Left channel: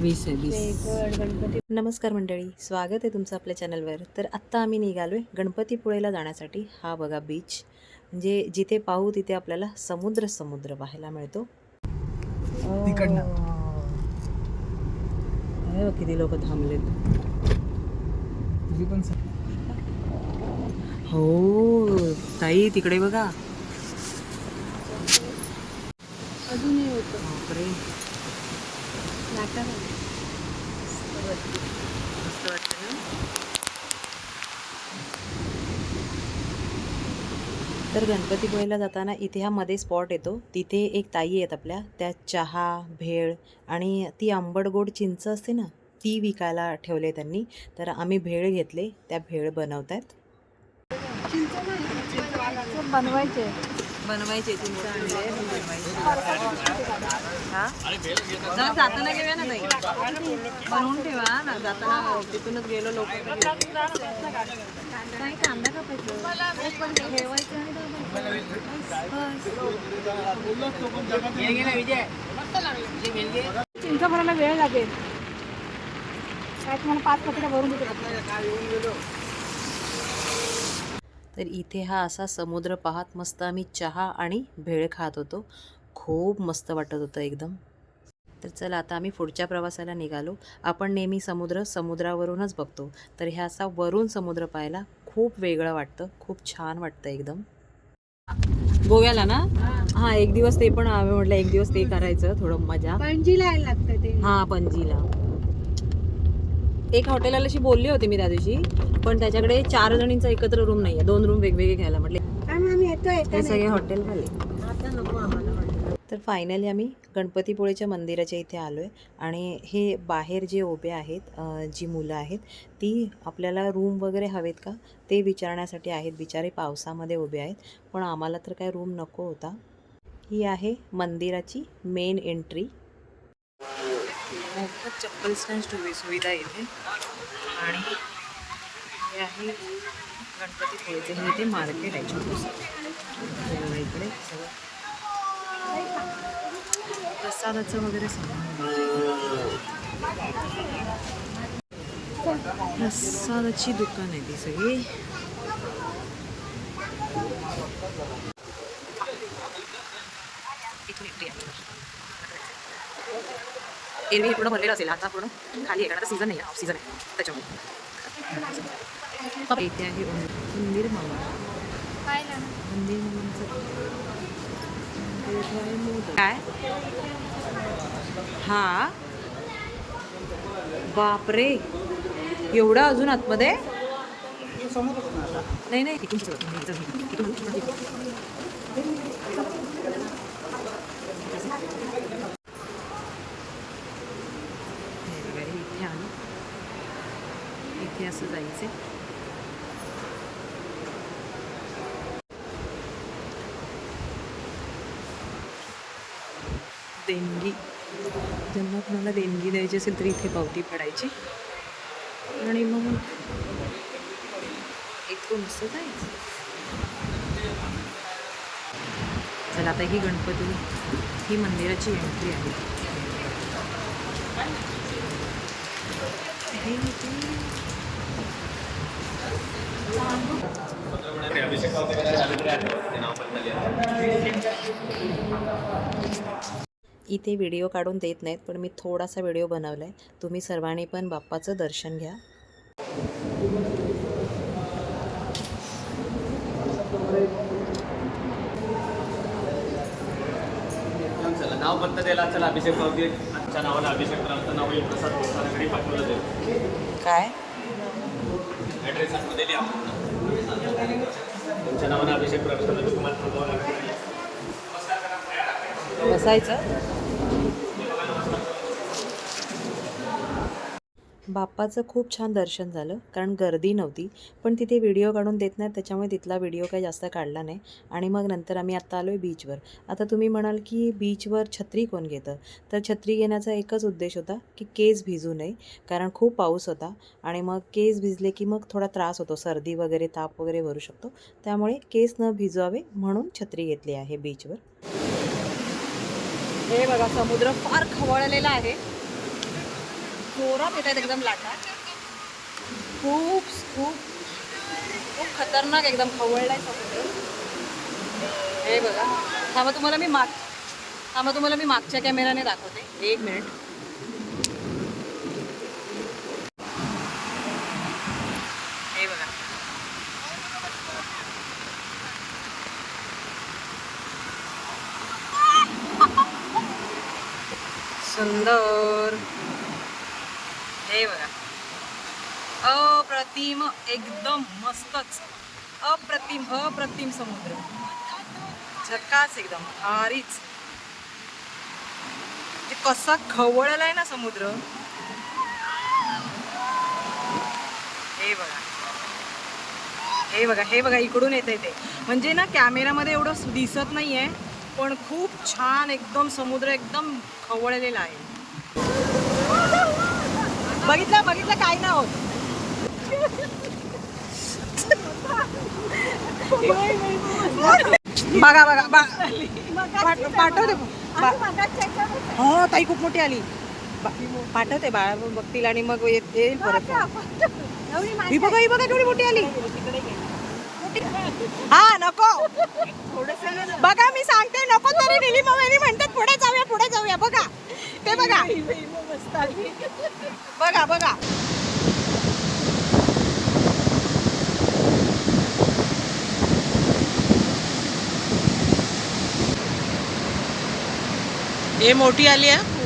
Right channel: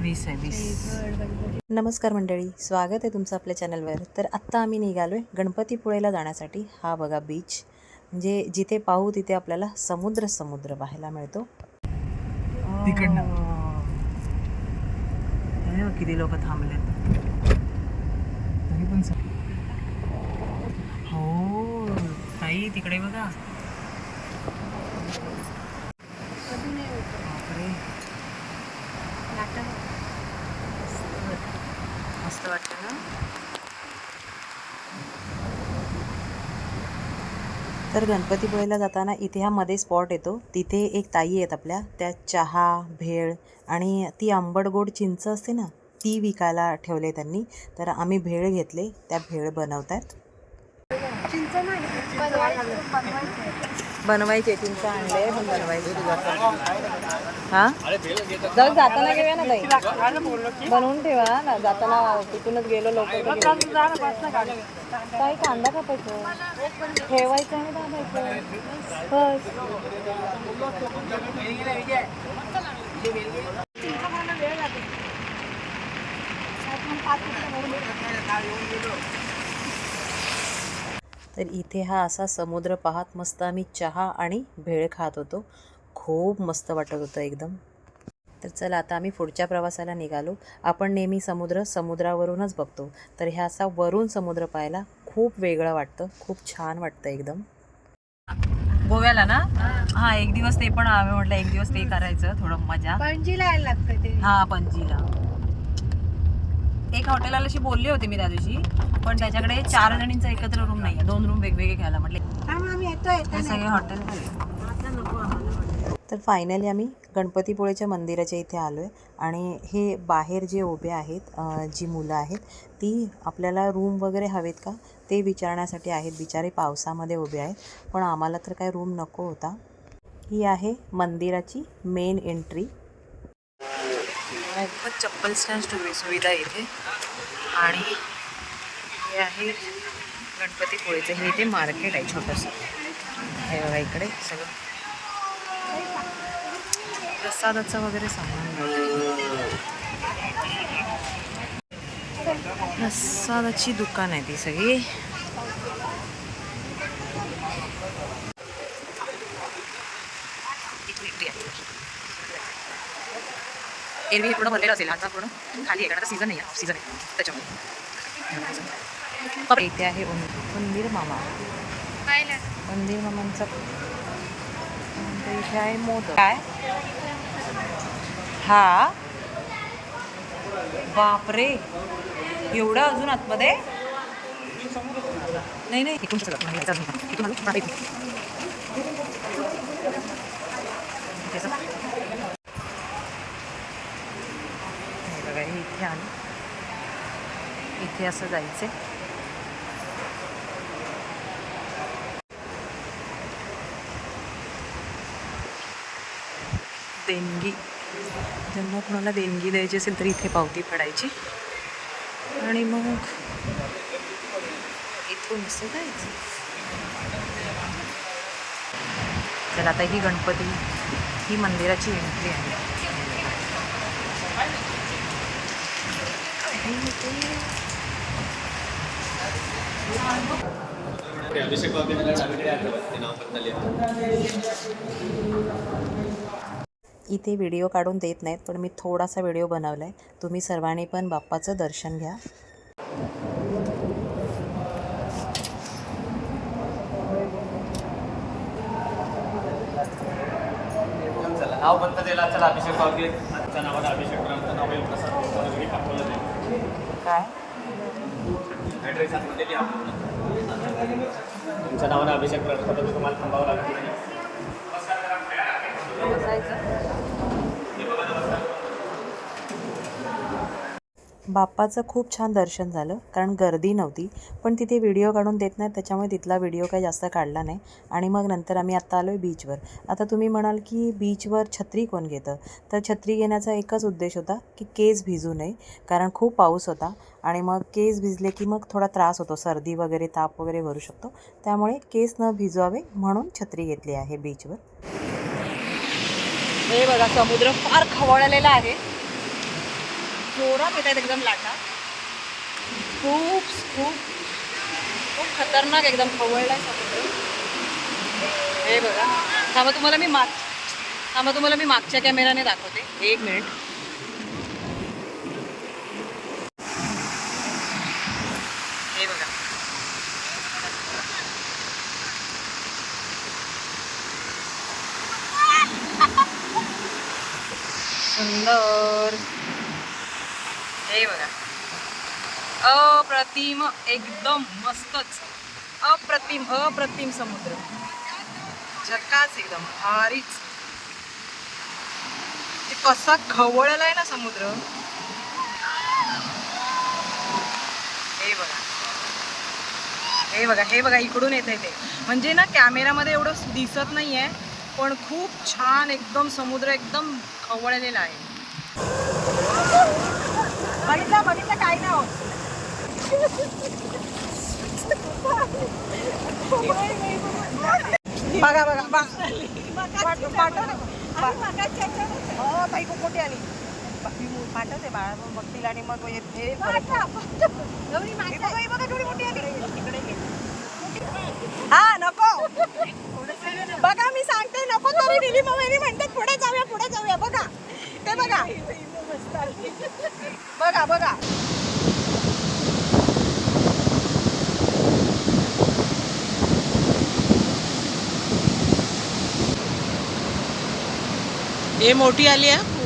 वीस आहे वीस. नमस्कार मंडळी स्वागत आहे तुमचं आपल्या चॅनलवर. तर आत्ता आम्ही निघालो आहे गणपतीपुळेला जाण्यासाठी. हा बघा बीच म्हणजे जिथे पाहू तिथे आपल्याला समुद्र समुद्र पाहायला मिळतो. किती लोक थांबलेत. हो ताई तिकडे बघा. बापरे मस्त वाटतं ना तर गणपतीपुळेला जाताना इथे हा मध्ये स्पॉट येतो. तिथे एक ताई आहेत आपल्या. त्या चहा भेळ आणि ती आंबट गोड चिंच असते ना ती विकायला ठेवले त्यांनी. तर आम्ही भेळ घेतले. त्या भेळ बनवतात. बनवायचे. चिंच आणले बनवायचे. हा? जाऊ जाताना घेऊया ना ताई. बनवून ठेवा ना जाताना तिथूनच गेलो लवकर काही कांदा कापायचं. ठेवायचं आणि दाबायचं. चिंच भरायला वेळ लागेल. काय तुम्हाला पाच पकडा भरून तर इथे हा असा समुद्र पाहत मस्त आम्ही चहा आणि भेळ खात होतो. खूप मस्त वाटत होतं एकदम. तर चला आता आम्ही पुढच्या प्रवासाला निघालो. आपण नेहमी समुद्र समुद्रावरूनच बघतो. तर हे असा वरून समुद्र पाहायला खूप वेगळं वाटतं. खूप छान वाटतं एकदम. गोव्याला ना? हा. एक दिवस ते पण आम्ही म्हटलं एक दिवस ते करायचं थोडं मजा. पणजीला यायला लागतं ते. हा पणजीला. एक हॉटेलला अशी बोलली होती मी त्या दिवशी पण त्याच्याकडे चार जणींचा एकत्र रूम नाहीये. दोन रूम वेगवेगळे घ्यायला म्हटले. सगळे हॉटेल झाले तर फायनली आम्ही गणपतीपुळेच्या मंदिराच्या इथे आलो आहे आणि हे बाहेर जे उभे आहेत जी मुलं आहेत ती आपल्याला रूम वगैरे हवेत का? ते विचारण्यासाठी आहेत. बिचारे पावसामध्ये उभे आहेत. पण आम्हाला तर काय रूम नको होता. ही आहे मंदिराची मेन एंट्री मोफत चप्पल स्टँड सुविधा इथे. आणि हे आहे गणपतीपुळेचं. हे इथे मार्केट आहे छोटंसं. हे बघा इकडे सगळं. प्रसादाचं वगैरे सामान मिळतं प्रसादाची दुकान आहे ती सगळी. एरवी पूर्ण भरलेलं असेल आता पूर्ण खाली आहे कारण आता सीझन नाही आहे ऑफ सीझन आहे त्याच्यामुळे. पण इथे आहे उंदीर मामा. उंदीर मामांचा तर इथे आहे मोदक. काय? हा. बापरे. एवढं अजून आतमध्ये? नाही नाही इकडून शकत नाही, हे बघा हे इथे आली. इथे असं जायचं देणगी. ज्यांना कोणाला देणगी द्यायची असेल तर इथे पावती पडायची. आणि मग इथून असं जायचं. चला आता ही गणपती ही मंदिराची एंट्री आहे. आहे इथे. व्हिडिओ काढून देत नाहीत पण मी थोडासा व्हिडिओ बनवला आहे तुम्ही सर्वांनी पण बाप्पाचं दर्शन घ्या. चला नाव बंद द्यायला चला अभिषेक पावती. आमच्या नावाने अभिषेक नाव आहे प्रसाद प्रसाद घरी पाठवलं जाईल. काय? ॲड्रेस लिहा. तुमच्या नावाने अभिषेक प्रसादाची तुम्हाला थांबावं लागत नाही बसायचं? बाप्पाचं खूप छान दर्शन झालं कारण गर्दी नव्हती. पण तिथे व्हिडिओ काढून देत नाहीत त्याच्यामुळे तिथला व्हिडिओ काही जास्त काढला नाही. आणि मग नंतर आम्ही आत्ता आलो आहे बीचवर आता तुम्ही म्हणाल की बीचवर छत्री कोण घेतं? तर छत्री घेण्याचा एकच उद्देश होता की केस भिजू नये कारण खूप पाऊस होता. आणि मग केस भिजले की मग थोडा त्रास होतो सर्दी वगैरे ताप वगैरे भरू शकतो. त्यामुळे केस न भिजवावे म्हणून छत्री घेतली आहे बीचवर हे बघा समुद्र फार खवळलेला आहे. जोरात होत आहेत एकदम लाटा. खूप खूप खूप खतरनाक एकदम खवळलाय समुद्र. हे बघा. थांबा तुम्हाला मी माग थांबा तुम्हाला मी मागच्या कॅमेराने दाखवते. एक मिनिट. हे बघा. सुंदर. हे बघा. अप्रतिम एकदम मस्तच. अप्रतिम अप्रतिम समुद्र. झकास एकदम भारीच. ते कसा खवळलाय ना समुद्र. हे बघा. हे बघा हे बघा इकडून येते ते. म्हणजे ना कॅमेरामध्ये एवढं दिसत नाहीये पण खूप छान एकदम समुद्र एकदम खवळलेला आहे. बघितलं बघितलं काय ना होत बघा बघा. बा- पाठवते. हा ताई खूप मोठी आली. पाठवते बाळा मग बघतील आणि मग येते ही बघा ही बघा थोडी मोठी आली. हा नको. बघा मी सांगते नको तरी दिली मग म्हणतात पुढे जाऊया पुढे जाऊया बघा. ते बघा. बघा बघा. हे मोठी आली आहे.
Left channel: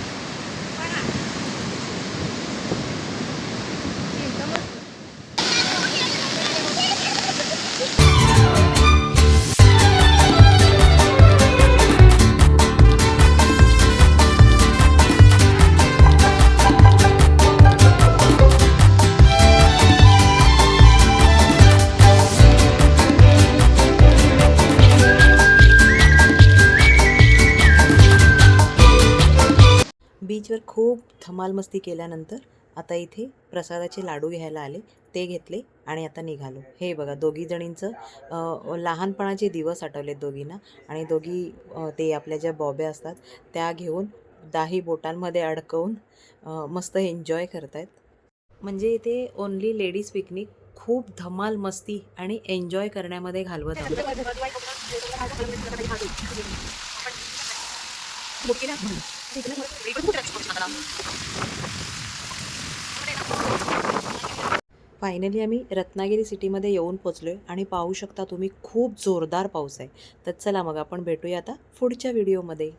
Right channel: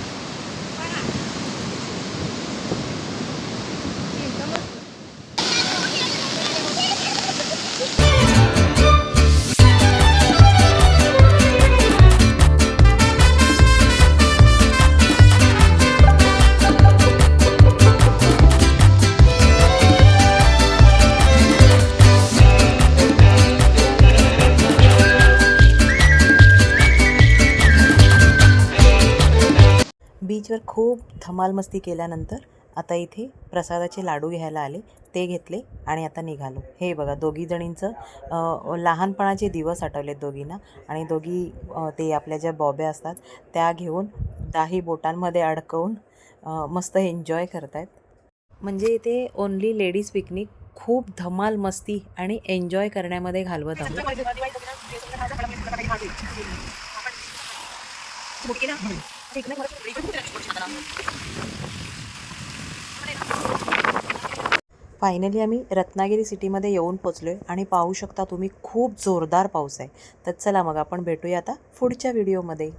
बीचवर खूप धमाल मस्ती केल्यानंतर आता इथे प्रसादाचे लाडू घ्यायला आले ते घेतले आणि आता निघालो. हे बघा दोघी जणींचं लहानपणाचे दिवस आठवलेत दोघींना आणि दोघी ते आपल्या ज्या बॉब्या असतात त्या घेऊन दाही बोटांमध्ये अडकवून मस्त एन्जॉय करतायत. म्हणजे इथे ओनली लेडीज पिकनिक खूप धमाल मस्ती आणि एन्जॉय करण्यामध्ये घालवत आहोत. फायनली आम्ही रत्नागिरी सिटीमध्ये येऊन पोचलो आहे आणि पाहू शकता तुम्ही खूप जोरदार पाऊस आहे. तर चला मग आपण भेटूया आता पुढच्या व्हिडिओमध्ये